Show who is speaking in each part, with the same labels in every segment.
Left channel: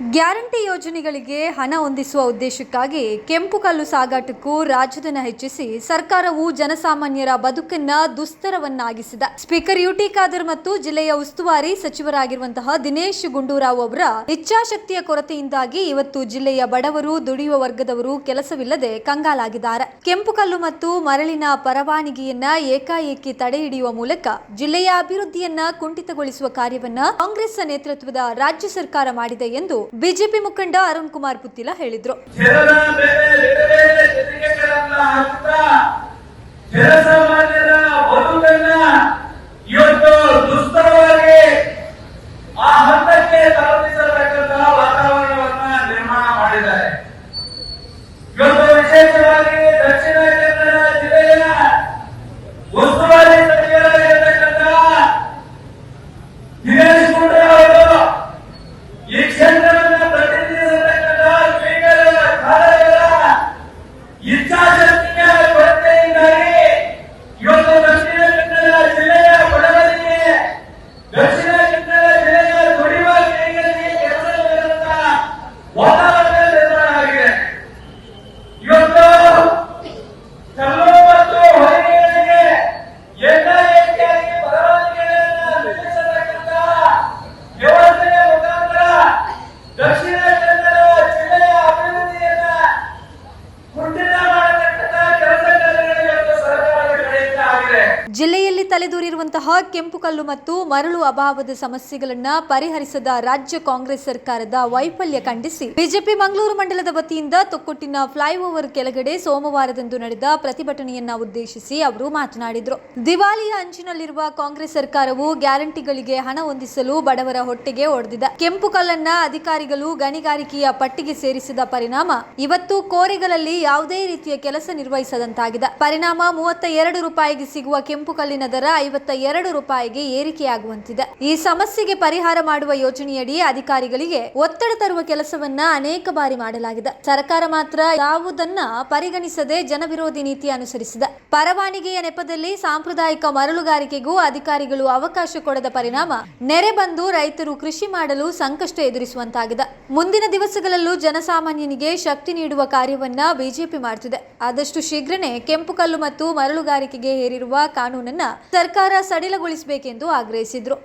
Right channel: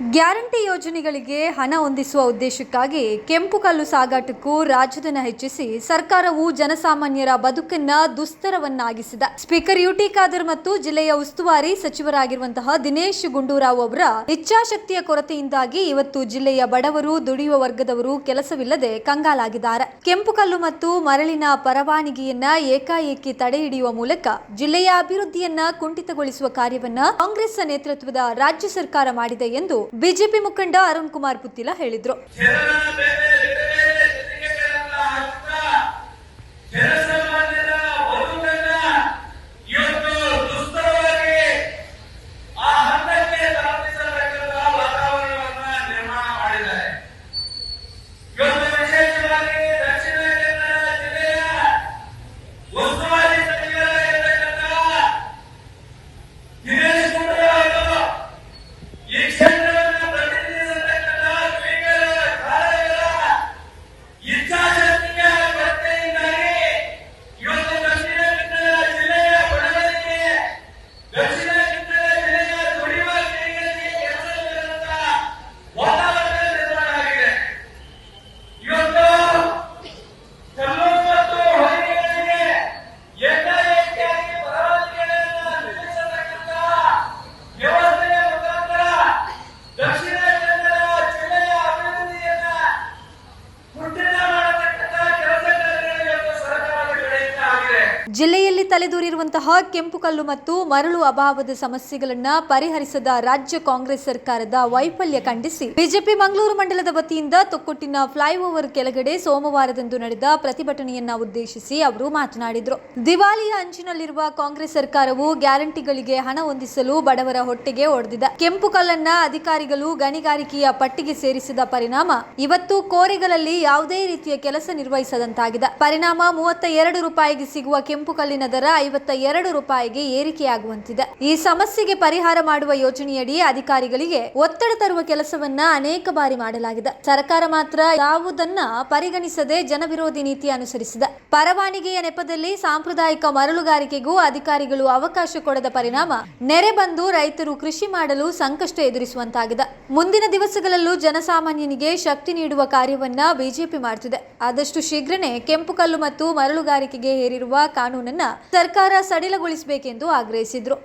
Speaker 1: Guarantee ಯೋಜನೆಗಳಿಗೆ ಹಣ ಹೊಂದಿಸುವ ಉದ್ದೇಶಕ್ಕಾಗಿ ಕೆಂಪು ಕಲ್ಲು ಸಾಗಾಟಕ್ಕೂ ರಾಜಧನ ಹೆಚ್ಚಿಸಿ ಸರ್ಕಾರವು ಜನಸಾಮಾನ್ಯರ ಬದುಕನ್ನ ದುಸ್ತರವನ್ನಾಗಿಸಿದ. ಸ್ಪೀಕರ್ ಯುಟಿ ಖಾದರ್ ಮತ್ತು ಜಿಲ್ಲೆಯ ಉಸ್ತುವಾರಿ ಸಚಿವರಾಗಿರುವಂತಹ ದಿನೇಶ್ ಗುಂಡೂರಾವ್ ಅವರ ಇಚ್ಛಾಶಕ್ತಿಯ ಕೊರತೆಯಿಂದಾಗಿ ಇವತ್ತು ಜಿಲ್ಲೆಯ ಬಡವರು, ದುಡಿಯುವ ವರ್ಗದವರು ಕೆಲಸವಿಲ್ಲದೆ ಕಂಗಾಲಾಗಿದ್ದಾರೆ. ಕೆಂಪು ಕಲ್ಲು ಮತ್ತು ಮರಳಿನ ಪರವಾನಗಿಯನ್ನ ಏಕಾಏಕಿ ತಡೆ ಹಿಡಿಯುವ ಮೂಲಕ ಜಿಲ್ಲೆಯ ಅಭಿವೃದ್ಧಿಯನ್ನ ಕುಂಠಿತಗೊಳಿಸುವ ಕಾರ್ಯವನ್ನ ಕಾಂಗ್ರೆಸ್ ನೇತೃತ್ವದ ರಾಜ್ಯ ಸರ್ಕಾರ ಮಾಡಿದೆ ಎಂದು ಬಿಜೆಪಿ ಮುಖಂಡ ಅರುಣ್ ಕುಮಾರ್ ಪುತ್ತಿಲ ಹೇಳಿದ್ರು.
Speaker 2: ಇವತ್ತು ದುಸ್ತರವಾಗಿ ಆ ಹಂತಕ್ಕೆ ತಲುಪಿಸತಕ್ಕಂತಹ
Speaker 1: ಕೆಂಪು ಕಲ್ಲು ಮತ್ತು ಮರಳು ಅಭಾವದ ಸಮಸ್ಯೆಗಳನ್ನ ಪರಿಹರಿಸದ ರಾಜ್ಯ ಕಾಂಗ್ರೆಸ್ ಸರ್ಕಾರದ ವೈಫಲ್ಯ ಖಂಡಿಸಿ. ಬಿಜೆಪಿ ಮಂಗಳೂರು ಮಂಡಲದ ವತಿಯಿಂದ ತೊಕ್ಕೊಟ್ಟಿನ ಫ್ಲೈಓವರ್ ಕೆಳಗಡೆ ಸೋಮವಾರದಂದು ನಡೆದ ಪ್ರತಿಭಟನೆಯನ್ನ ಉದ್ದೇಶಿಸಿ ಅವರು ಮಾತನಾಡಿದರು. ದಿವಾಳಿಯ ಅಂಚಿನಲ್ಲಿರುವ ಕಾಂಗ್ರೆಸ್ ಸರ್ಕಾರವು ಗ್ಯಾರಂಟಿಗಳಿಗೆ ಹಣ ಹೊಂದಿಸಲು ಬಡವರ ಹೊಟ್ಟೆಗೆ ಒಡೆದಿದೆ. ಕೆಂಪು ಕಲ್ಲನ್ನ ಅಧಿಕಾರಿಗಳು ಗಣಿಗಾರಿಕೆಯ ಪಟ್ಟಿಗೆ ಸೇರಿಸಿದ ಪರಿಣಾಮ ಇವತ್ತು ಕೋರೆಗಳಲ್ಲಿ ಯಾವುದೇ ರೀತಿಯ ಕೆಲಸ ನಿರ್ವಹಿಸದಂತಾಗಿದೆ. ಪರಿಣಾಮ ಮೂವತ್ತ ಎರಡು ರೂಪಾಯಿಗೆ ಸಿಗುವ ಕೆಂಪು ಕಲ್ಲಿನ ದರ ಐವತ್ತ ಎರಡು ರೂಪಾಯಿಗೆ ಏರಿಕೆಯಾಗುವಂತಿದೆ. ಈ ಸಮಸ್ಯೆಗೆ ಪರಿಹಾರ ಮಾಡುವ ಯೋಜನೆಯಡಿ ಅಧಿಕಾರಿಗಳಿಗೆ ಒತ್ತಡ ತರುವ ಕೆಲಸವನ್ನ ಅನೇಕ ಬಾರಿ ಮಾಡಲಾಗಿದೆ. ಸರ್ಕಾರ ಮಾತ್ರ ಯಾವುದನ್ನ ಪರಿಗಣಿಸದೆ ಜನವಿರೋಧಿ ನೀತಿ ಅನುಸರಿಸಿದೆ. ಪರವಾನಿಗೆಯ ನೆಪದಲ್ಲಿ ಸಾಂಪ್ರದಾಯಿಕ ಮರಳುಗಾರಿಕೆಗೂ ಅಧಿಕಾರಿಗಳು ಅವಕಾಶ ಕೊಡದ ಪರಿಣಾಮ ನೆರೆ ಬಂದು ರೈತರು ಕೃಷಿ ಮಾಡಲು ಸಂಕಷ್ಟ ಎದುರಿಸುವಂತಾಗಿದೆ. ಮುಂದಿನ ದಿವಸಗಳಲ್ಲೂ ಜನಸಾಮಾನ್ಯನಿಗೆ ಶಕ್ತಿ ನೀಡುವ ಕಾರ್ಯವನ್ನ ಬಿಜೆಪಿ ಮಾಡುತ್ತಿದೆ ಆದಷ್ಟು ಶೀಘ್ರನೇ ಕೆಂಪು ಕಲ್ಲು ಮತ್ತು ಮರಳುಗಾರಿಕೆಗೆ ಹೇರಿರುವ ಕಾನೂನನ್ನ ಸರ್ಕಾರ ಸಡಿಲಗೊಳಿಸಬೇಕೆಂದು ಆಗ್ರಹಿಸಿದ್ರು.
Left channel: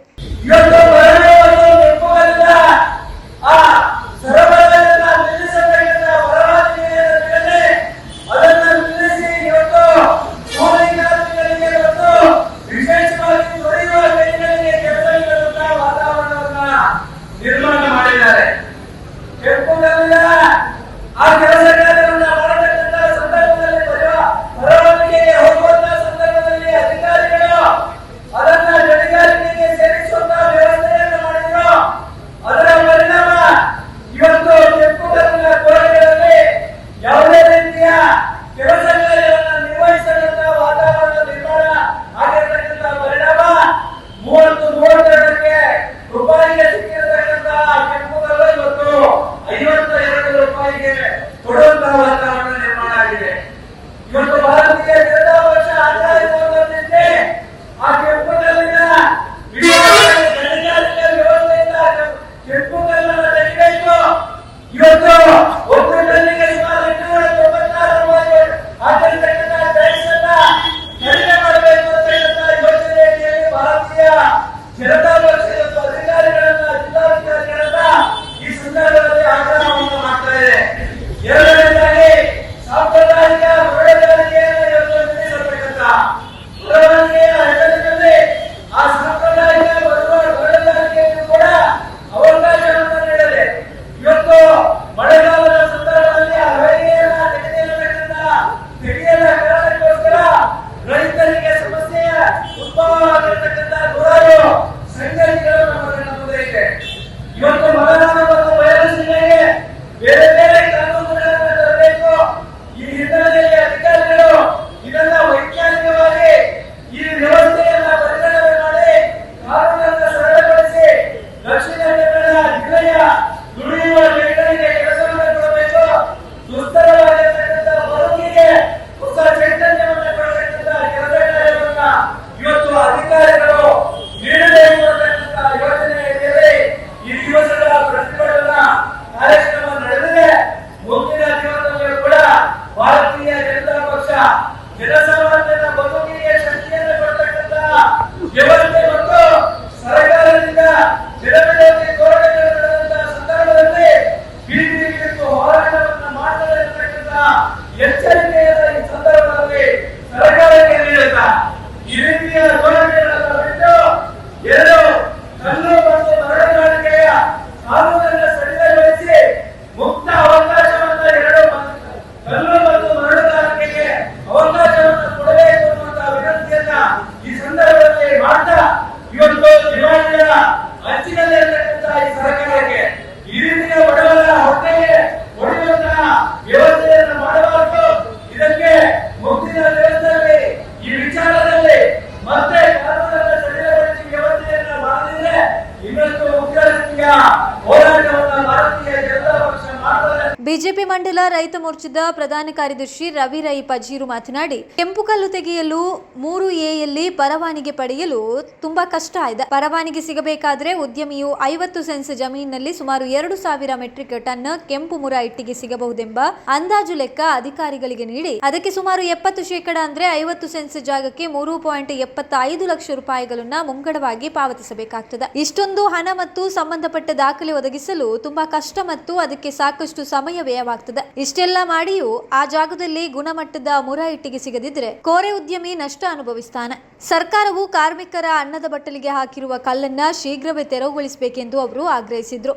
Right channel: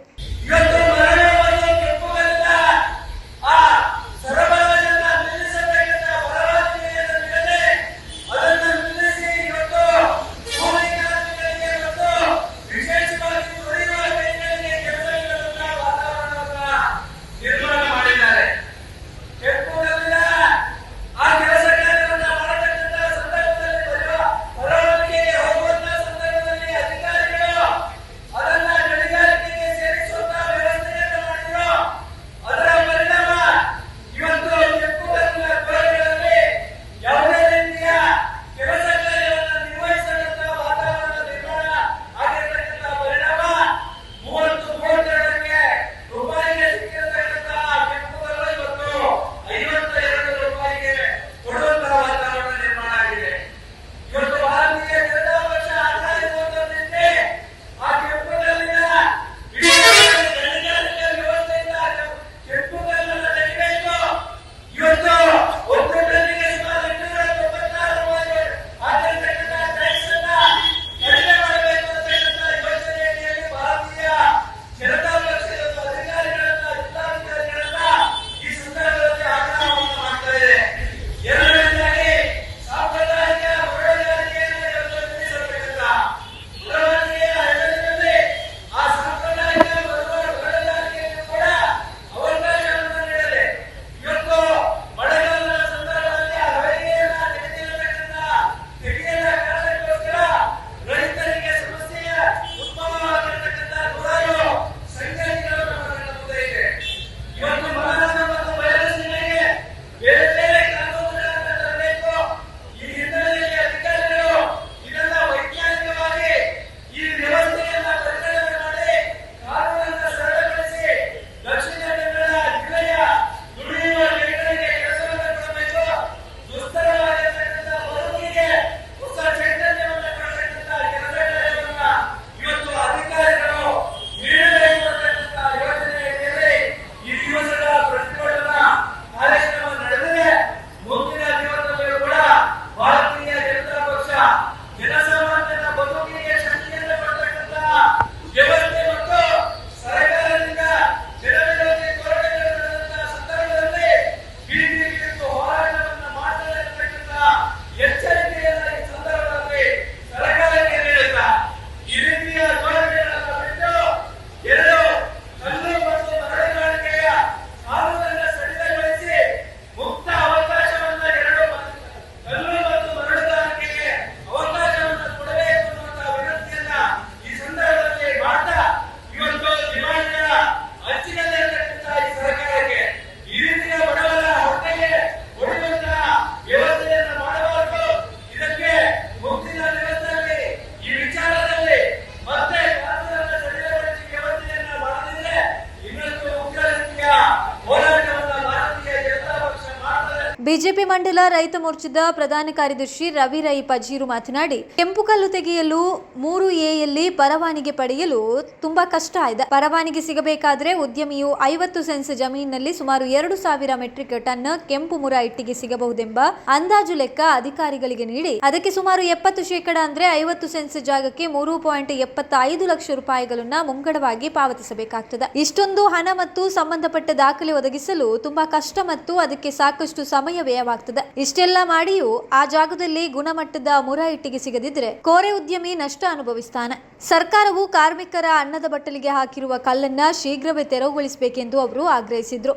Speaker 1: ಮಂಡಲ ರೈತ ಮೋರ್ಚಾದ ಪ್ರಧಾನ ಕಾರ್ಯದರ್ಶಿ ರವಿ ರೈ ಪಜೀರು ಮಾತನಾಡಿ, ಕೆಂಪು ಕಲ್ಲು ತೆಗೆಯಲು ಮೂರು ಎಯಲ್ಲಿ ಪರವಾನಿಗೆ ಪಡೆಯಲು ತುಂಬಾ ಕಷ್ಟ ಇದೆ. ಪರವಾನಿಗೆ ಸಿಗಬೇಕಾದ್ರೆ ಉದ್ಯಮಿಯು ಐವತ್ತು ಸೆನ್ಸ್ ಜಮೀನಿನಲ್ಲಿ ಸುಮಾರು ಎರಡು ಸಾವಿರ ಮೆಟ್ರಿಕ್ ಟನ್ ಕೆಂಪು ಮುರ ಇಟ್ಟಿಗೆ ಸಿಗಬಹುದೆಂಬ ಅಂದಾಜು ಲೆಕ್ಕ ಅಧಿಕಾರಿಗಳಿಗೆ ನೀಡಿ, ಅದಕ್ಕೆ ಸುಮಾರು ಎಪ್ಪತ್ತು ಶೇಕಡ ಅಂದ್ರೆ ಐವತ್ತು ಸೆನ್ಸ್ ಜಾಗಕ್ಕೆ ಮೂರು ಪಾಯಿಂಟ್ ಎಪ್ಪತ್ತೈದು ಲಕ್ಷ ರೂಪಾಯಿಗಳನ್ನ ಮುಂಗಡವಾಗಿ ಪಾವತಿಸಬೇಕಾಗ್ತದೆ. ಇಷ್ಟೊಂದು ಹಣ ಮತ್ತು ಸಂಬಂಧಪಟ್ಟ ದಾಖಲೆ ಒದಗಿಸಲು ತುಂಬಾ ಕಷ್ಟ ಮತ್ತು ಅದಕ್ಕೆ ಸಾಕಷ್ಟು ಸಮಯ ವ್ಯಯವಾಗ್ತದೆ. ಇಷ್ಟೆಲ್ಲ ಮಾಡಿಯೂ ಆ ಜಾಗದಲ್ಲಿ ಗುಣಮಟ್ಟದ ಮುರ ಇಟ್ಟಿಗೆ ಸಿಗದಿದ್ರೆ ಕೋರೆ ಉದ್ಯಮಿ ನಷ್ಟ ಅನುಭವಿಸ್ತಾನೆ. ಸರ್ಕಾರವು ಕಾರ್ಮಿಕರ ಅನ್ನದ ಬಟ್ಟಲಿಗೆ ಹಾಕಿರುವ ಕಲ್ಲನ್ನ ಶೀಘ್ರವೇ ತೆರವುಗೊಳಿಸಬೇಕೆಂದು ಅವರು ಆಗ್ರಹಿಸಿದ್ರು.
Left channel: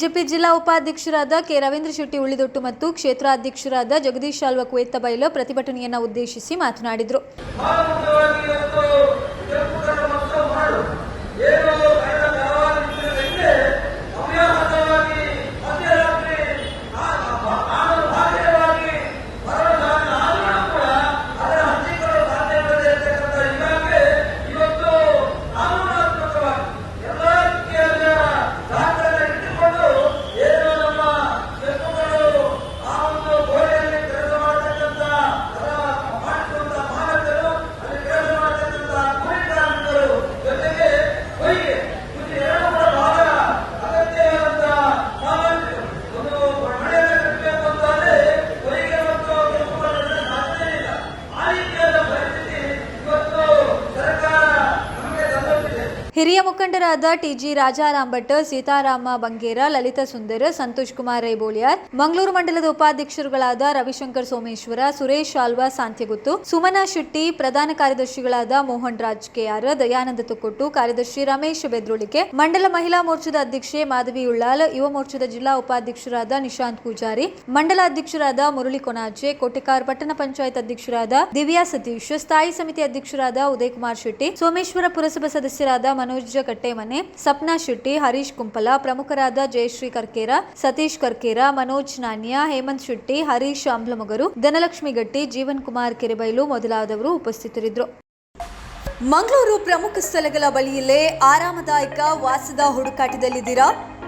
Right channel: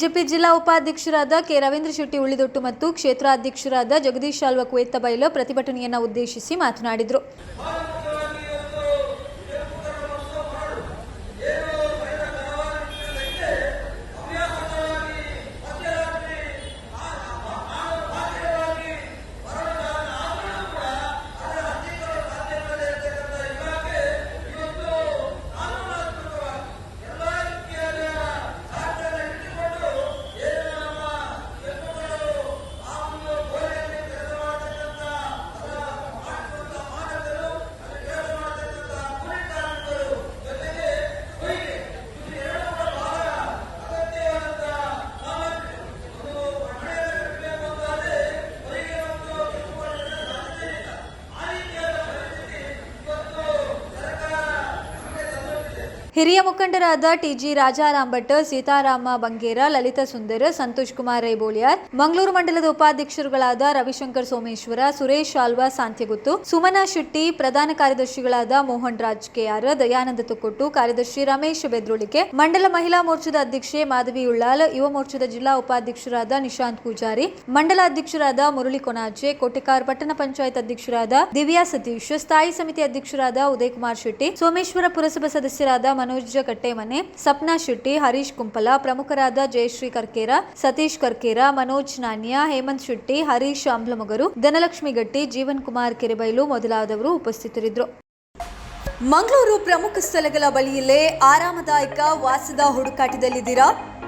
Speaker 1: ಬಿಜೆಪಿ ಜಿಲ್ಲಾ ಉಪಾಧ್ಯಕ್ಷರಾದ ಕೆ ರವೀಂದ್ರ ಶೆಟ್ಟಿ, ಉಳಿದೊಟ್ಟು ಮತ್ತು ಕ್ಷೇತ್ರಾಧ್ಯಕ್ಷರಾದ ಜಗದೀಶ್ ಶಾಲ್ವ ಕುವೆತ್ತ ಬೈಲ ಪ್ರತಿಭಟನೆಯನ್ನು ಉದ್ದೇಶಿಸಿ ಮಾತನಾಡಿದರು. ಹಿರಿಯ ಮುಖಂಡರಾದ ಟಿಜಿ ರಾಜಾರಾಮ್ ಭಟ್ ಸೀತಾರಾಮ ಬಂಗೇರ, ಲಲಿತಾ ಸುಂದರ್, ಸಂತೋಷ್ ಕುಮಾರ್ ರೈಬೋಳಿಯಾರ್, ಮಂಗಳೂರು ಮಂಡಲದ ಉಪಾಧ್ಯಕ್ಷರುಗಳಾದ ರವಿಶಂಕರ್ ಸೋಮೇಶ್ವರ, ಸುರೇಶ್ ಆಲ್ವಾ ಸಾಂತ್ಯಗುತ್ತು, ಸುಮನಾ ಶೆಟ್ಟಿ, ಪ್ರಧಾನ ಕಾರ್ಯದರ್ಶಿಗಳಾದ ಮೋಹನ್ ರಾಜ್ ಕೆಆರ್ ದಯಾನಂದ ತುಕ್ಕೊಟ್ಟು ಕಾರ್ಯದರ್ಶಿ ರಮೇಶ್ ಬೆದ್ರುಳಿಕೆ, ಮಂಡಲ ಮಹಿಳಾ ಮೋರ್ಚಾದ ಅಧ್ಯಕ್ಷೆ ಮಾಧವಿ ಉಳ್ಳಾಲ್, ಯುವ ಮೋರ್ಚಾದ ಜಿಲ್ಲಾ ಉಪಾಧ್ಯಕ್ಷರಾದ ನಿಶಾಂತ್ ಪೂಜಾರಿ, ಮಂಡಲ ಅಧ್ಯಕ್ಷರಾದ ಮುರಳಿ ಕೊನಾಜೆ, ಕೋಟೆಕಾರ್ ಪಟ್ಟಣ ಪಂಚಾಯತ್ ಅಧ್ಯಕ್ಷರಾದ ದಿವ್ಯಾ ಸತೀಶ್, ಸ್ಥಾಯಿ ಸಮಿತಿ ಅಧ್ಯಕ್ಷರಾದ ಉದಯ್ ಕುಮಾರ್ ಶೆಟ್ಟಿ, ಸೋಮೇಶ್ವರ ಪುರಸಭಾ ಸದಸ್ಯರಾದ ಮನೋಜ್ ಕಟ್ಟೆಮನೆ ಸಪ್ನಾ ಶೆಟ್ಟಿ, ಹರೀಶ್ ಕುಂಪಲ, ಪ್ರಮುಖರಾದ ಜಯಶ್ರೀ ಕರ್ಕೇರ ಸತೀಶ್ ಕರ್ಕೇರ ಮನೋಜ್ ನಾಣ್ಯ ಹೇಮಂತ್ ಶೆಟ್ಟಿ, ಹರೀಶ್ ಅಂಬ್ಲಮಗರು ಧನಲಕ್ಷ್ಮಿ ಗಟ್ಟಿ, ಜೀವನ್ ಕುಮಾರ್ ಕೆರೆಬೈಲು ಮೊದಲಾದವರು ಉಪಸ್ಥಿತರಿದ್ದರು. ಮಂಗಳೂರು ಪ್ರಮುಖ ಸ್ಥಳಗಳ ಬಳಿಯಲ್ಲೇ ಆರಾಮದಾಯಕ ವಾಸದ ಹುಡುಕಾಟದಲ್ಲಿದ್ದೀರಾ?